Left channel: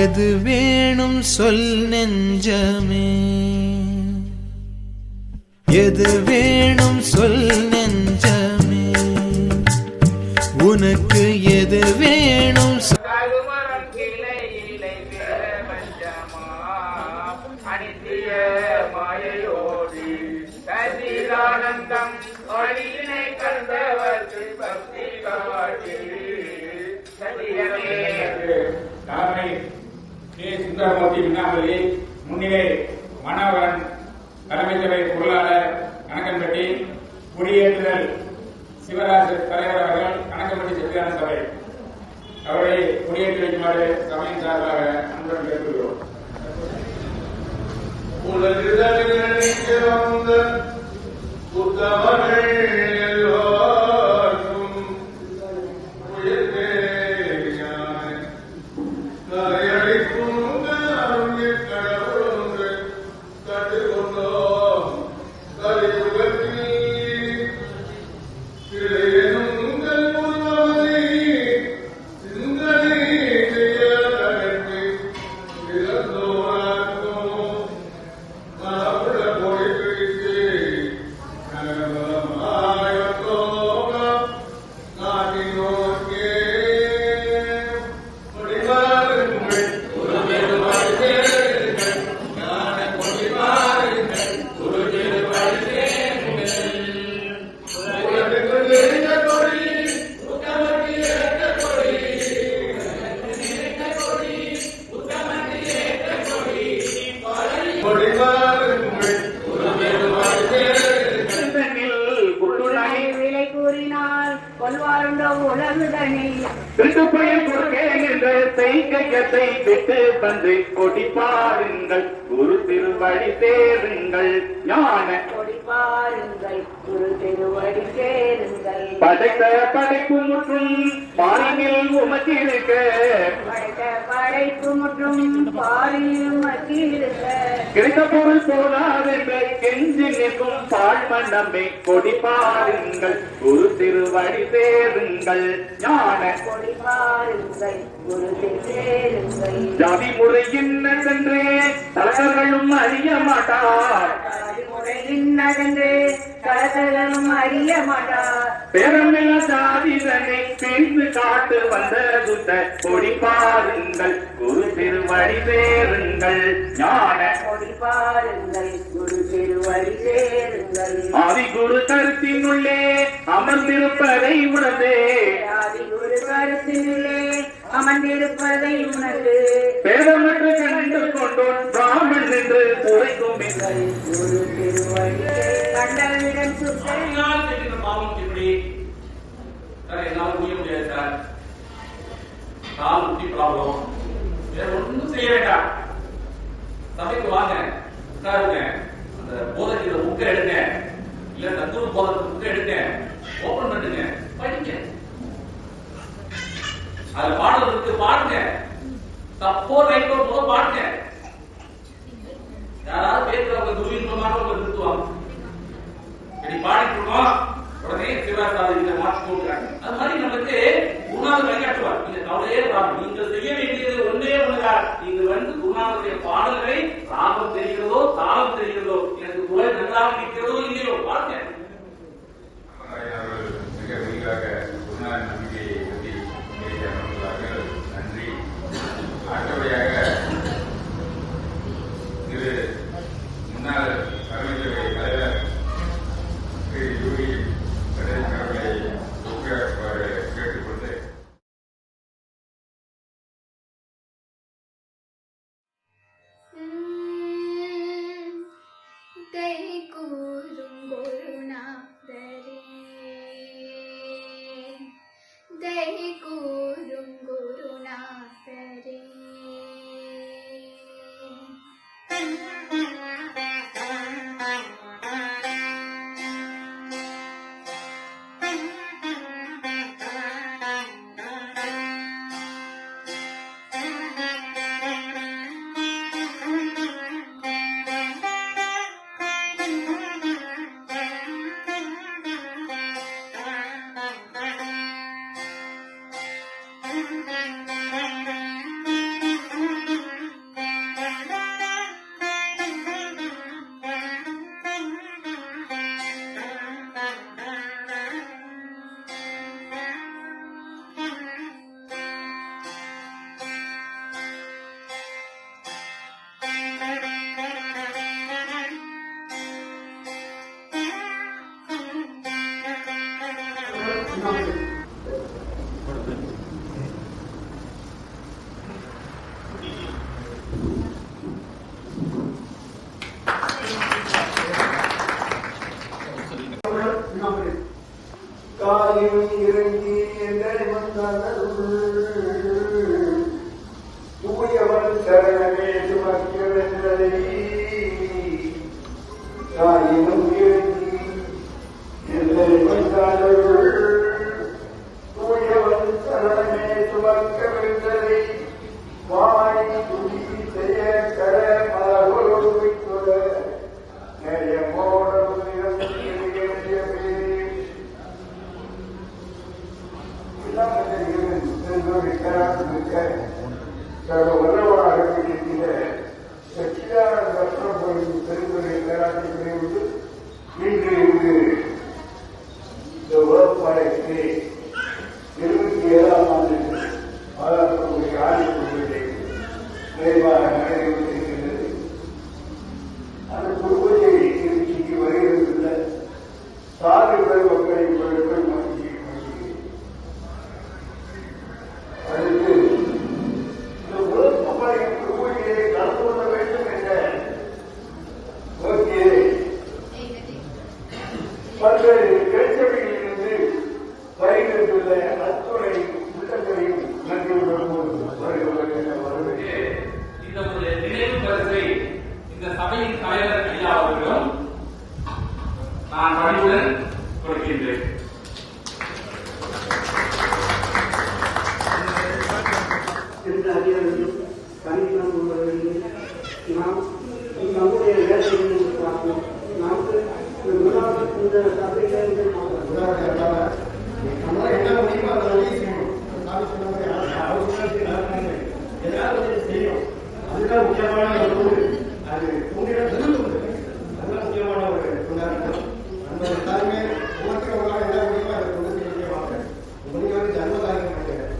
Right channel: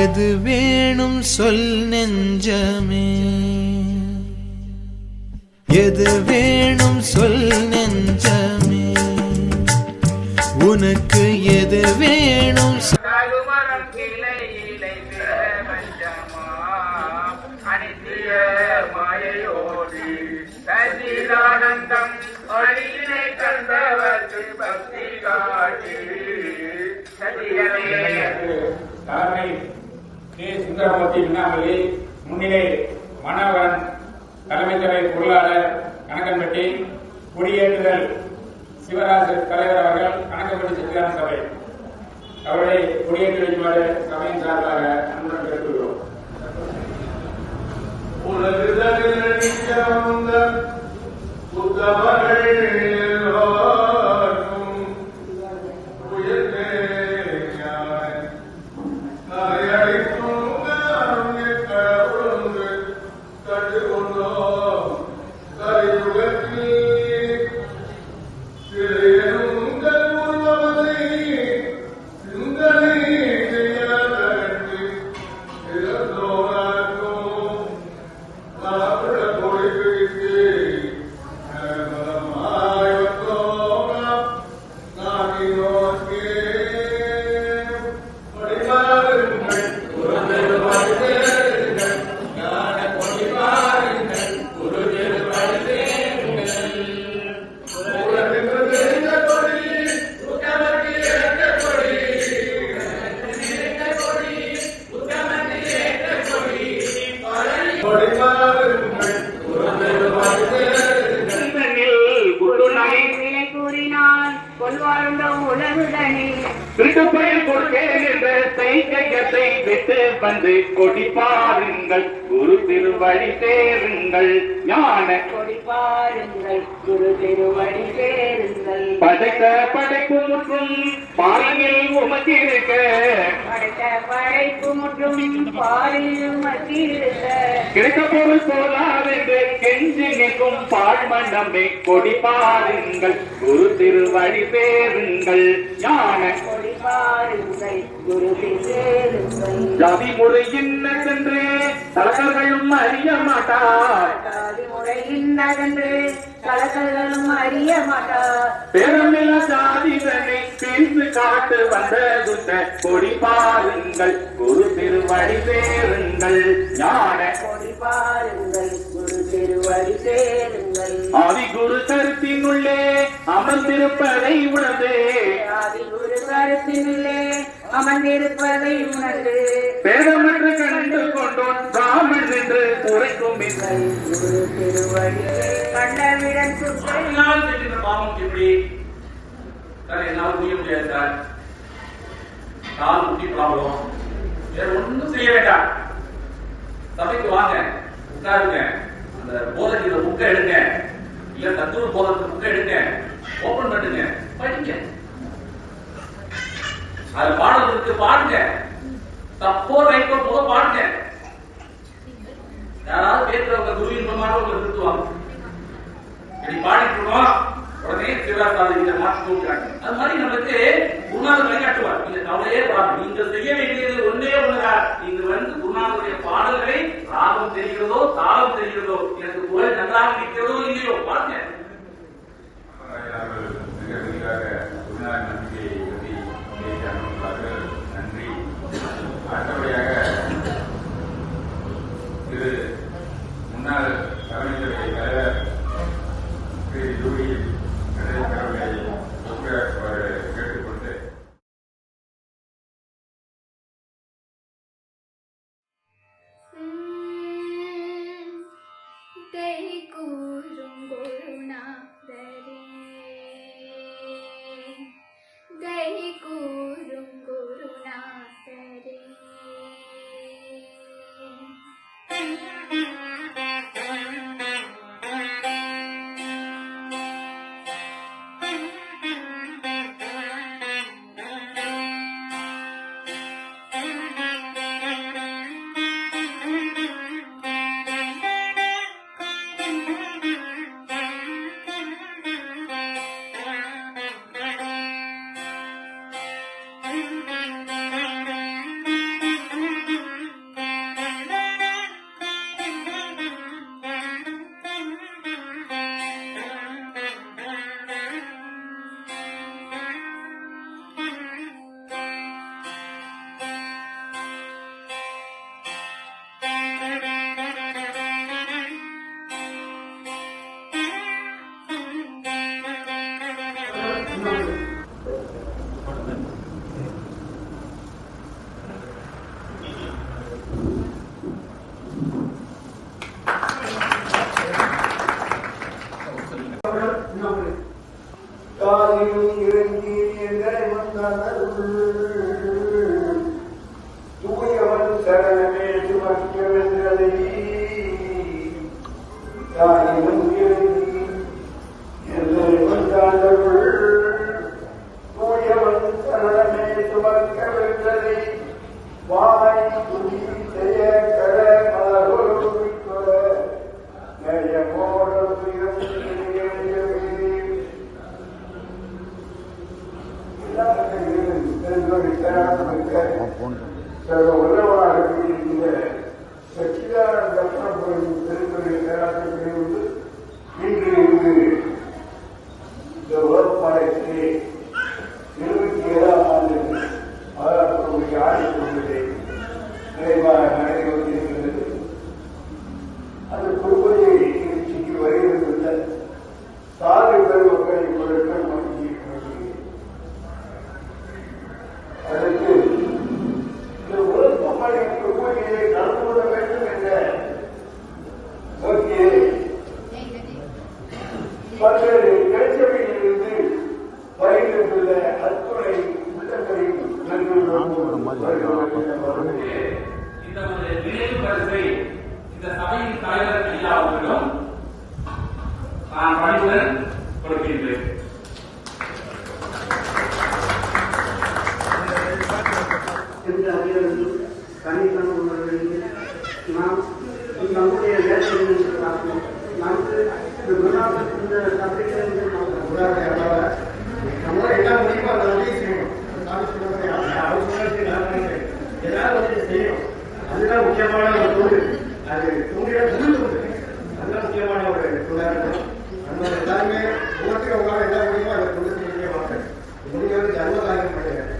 எது வேணும் சொல் நெஞ்சமே, எது வேணும் சொல் நெஞ்சமே, உனக்கு எது வேணும் சுந்தரமூர்த்தி விண்ணாமல்லி முன்னிலை மனோகரன் தலைமை சபை பொருளாளர் கணக்கன்பட்டி குடியேற்றுதல் சிவராஜ் தலைவர் அவர்கள் கணக்கன்பட்டி சத்தியான சபை அவர்களை குடியேற்றி வைக்குமாறு சபையின் சார்பாக அன்புடன் கேட்டுக்கொள்கிறோம். விட்டு வந்து கொடி பாருங்கள், குரு திருவடி சேருங்கள், ஞான கொடி பாருங்கள், குரு திருவடி சேருங்கள். படைத்த படைப்பு முற்றும் பாரியில் உமத்திருக்க, படைத்த படைப்பு முற்றும் பாரில் உமத்திருக்க, கிடைத்த பொருள் போதாதென்று கெஞ்சி நிற்கும் பாழ்மண்டமே கொடி பாருங்கள், குரு திருவடி சேருங்கள், ஞான கொடி பாருங்கள், குரு திருவடி. ஜாதி முறை இன்னதென்று தலகர்களும் அறிய மாட்டார், ஜாதி முறை இன்னதென்று தலகர்களும் அறிய மாட்டார். பேரமில்ல சாதிதனை பிரிந்து காட்டு வந்த குத்த கொடி பாருங்கள், குரு திருவடி சேருங்கள், ஞான கொடி பாருங்கள், குரு திருவடி சேருங்கள். ஆதி குரு கருத்தினுள்ளே அமர்ந்திருப்பதை உணர்ந்தே, ஆதி குரு கருத்தினுள்ளே அமர்ந்திருப்பதை உணர்ந்து பேதமற்று கண்டு கொண்டோன் பிராமணன் என்று உரைக்கும் இல்லை. குரு திருவடி கண்டவிடன் பாவம் எப்படி சார் என்னால முடிய முடியாது சார், கால் முட்டி ப்ராப்ளம், வேற ஒன்றும் செய்ய வேண்டாம். சபைக்கு வாங்க, உட்காருங்க, அந்த போதனையில புக்கை எடுங்க, இல்ல தத்துவ போதத்துக்கு புக்கை எடுங்க, ஓபன் பண்ணுங்க, படிங்க, அது பாடுறதுக்கு பாடுங்க, தப்போ ரைட்டோ போக பாடுங்க. யாராவது பேசுறவங்க துர்வின்பமானவங்க நிறுத்துவாங்க, பாடிட்டு இருக்கோம் உடனே சிவராசாதிகளை மாற்றி போகிறாங்க. அது மாதிரி நம்மளுக்கு குருநாதர் வழிகாட்டுவார். நீங்க கவலையே பாருங்க, நீங்க செய்ய வேண்டியது ஒன்றே ஒண்ணுதான், நீங்க குருநாதருடைய பாடல்களை ராகம் தெரிகிறதோ தாளம் தெரிகிறதோ, எனக்கு குரல் நன்றாக இருக்கிறதோ இல்லையோ பாருங்க. தூயவன் சரணமே சுமக்கிறதை தாயினும் எல்லை வந்தார்கள் தூயவன் சரணமே சுமக்கிறதை வாய் துணி செய்ய கரமாறுவித்துள்ள நயமோடு நான் பணிவுடன் கொடுக்கின்றேன். நம்முடைய வேலையை பார்ப்போம். நமக்கு இந்த சபையில என்ன முடியுமோ அதை உதவி செய்யணும். ஏதாவது செய்யணும். அதுதான் முக்கியமான ஒரு தொழில். அது உங்களிடம் அதுதான் முக்கியமான ஒரு தொழிலாளர்கள். நம்ம எல்லாருமே உலகத்தில் என்ன முடியுமோ அதை கொண்டு செய்யவாங்க. உங்களுக்கு வந்து ஜன்மதாயம் கிடையாது.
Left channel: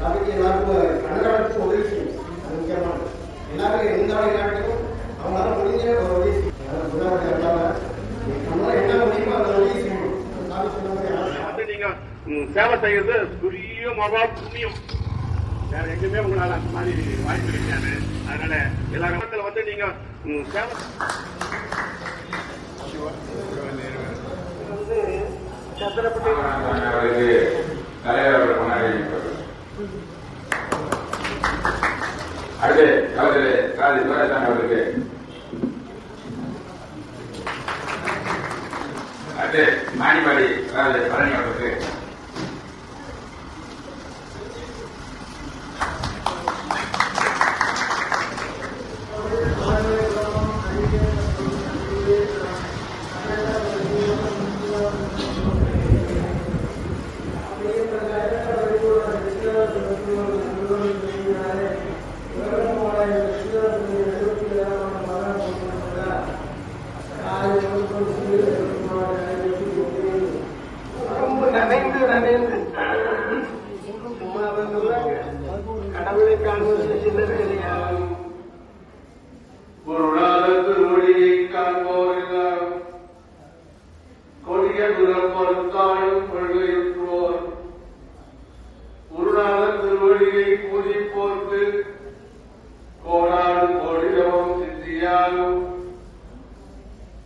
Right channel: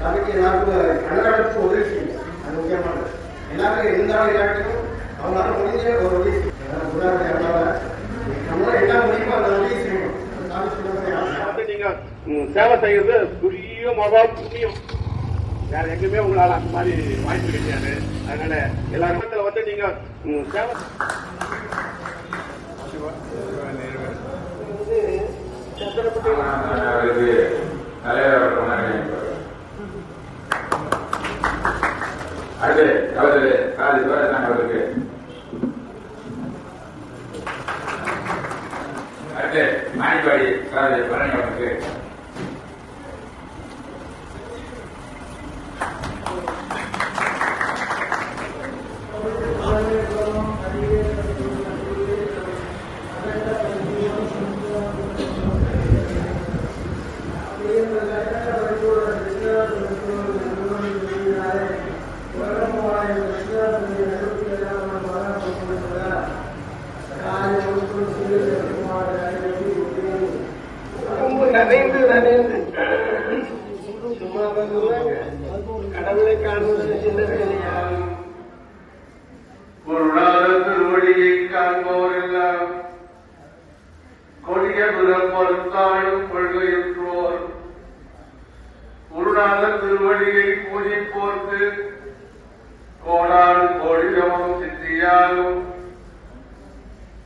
சபைக்கு எல்லாருக்கும் கணக்காட்டுக்கு உதவி செய்யும். அது முக்கியமானது. எல்லாருமே எந்த விளையாட்டுக்கும் அவங்களால முடிஞ்ச ஒரு உதவி செய்யும். என்ன முடியுமோ அதை உதவி செய்யணும். நீங்க சேவை செய்யறது பெரிய மகா புண்ணியம். வேற எங்குமே உங்களால அந்த மாதிரி வாய்ப்பு கிடைக்காது. அதனால எல்லா இடத்துல வந்து நீங்க சேவை வந்து சத்திரப்பட்டி மாணிவாடி பழனிக்கு கடவுளை காண்பது சில வேலையால் திருவடியை காண்போரெல்லாம் கொடிய பிறப்பொருத்தாயும் கொள்கையுற்றோர் குருநாதர் திருவடியை பூஜிப்போர்க்கு கோடாடு கோடியமும் சித்தியாலும்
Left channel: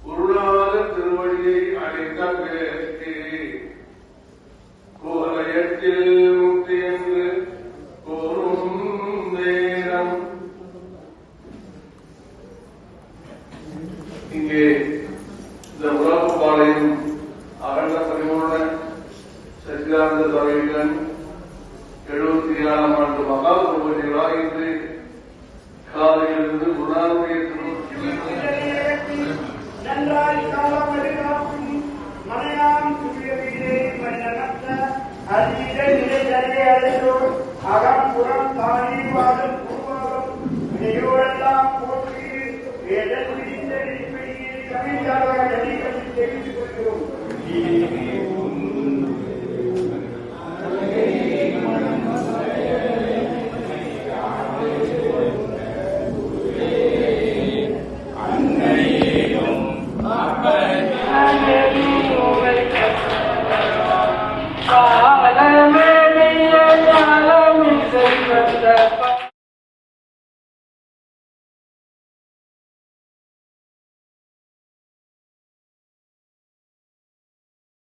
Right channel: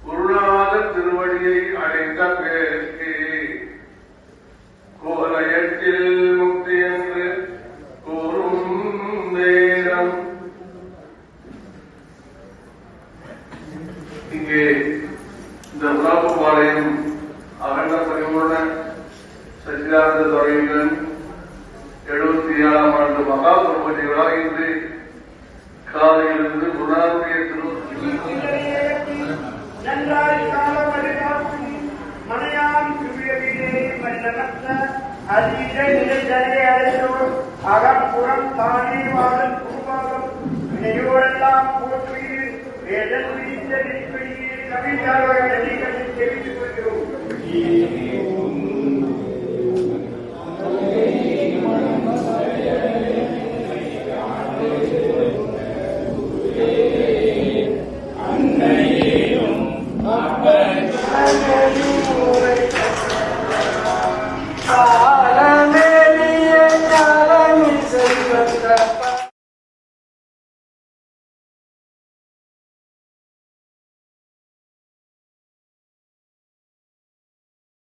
குருநாதர் திருவடியை அடைந்த பேருக்கு கோலயத்தில் முக்தி என்று கூறும் நேரம் இங்கே இந்த உலகப்பாளையம் அகண்ட பரிவுடன் சச்சிதானந்த துறையுடன் 77ஆம் ஆண்டு மகா பிரபதிகளாக இன்று காலையிலிருந்து குருநாதருடைய மனையாம் சுவியவிலே மன்னமத்த அதிக நிலை அடைந்தோர் அகப்புறம் தானீவாதம் பூர்வாதம் இணையோரெல்லாம் போற்றி வேதன் விரித்தடிப்படியே கவிஞாக நடிகளில் தெரிவித்துக் கொள்கிறோம். Ah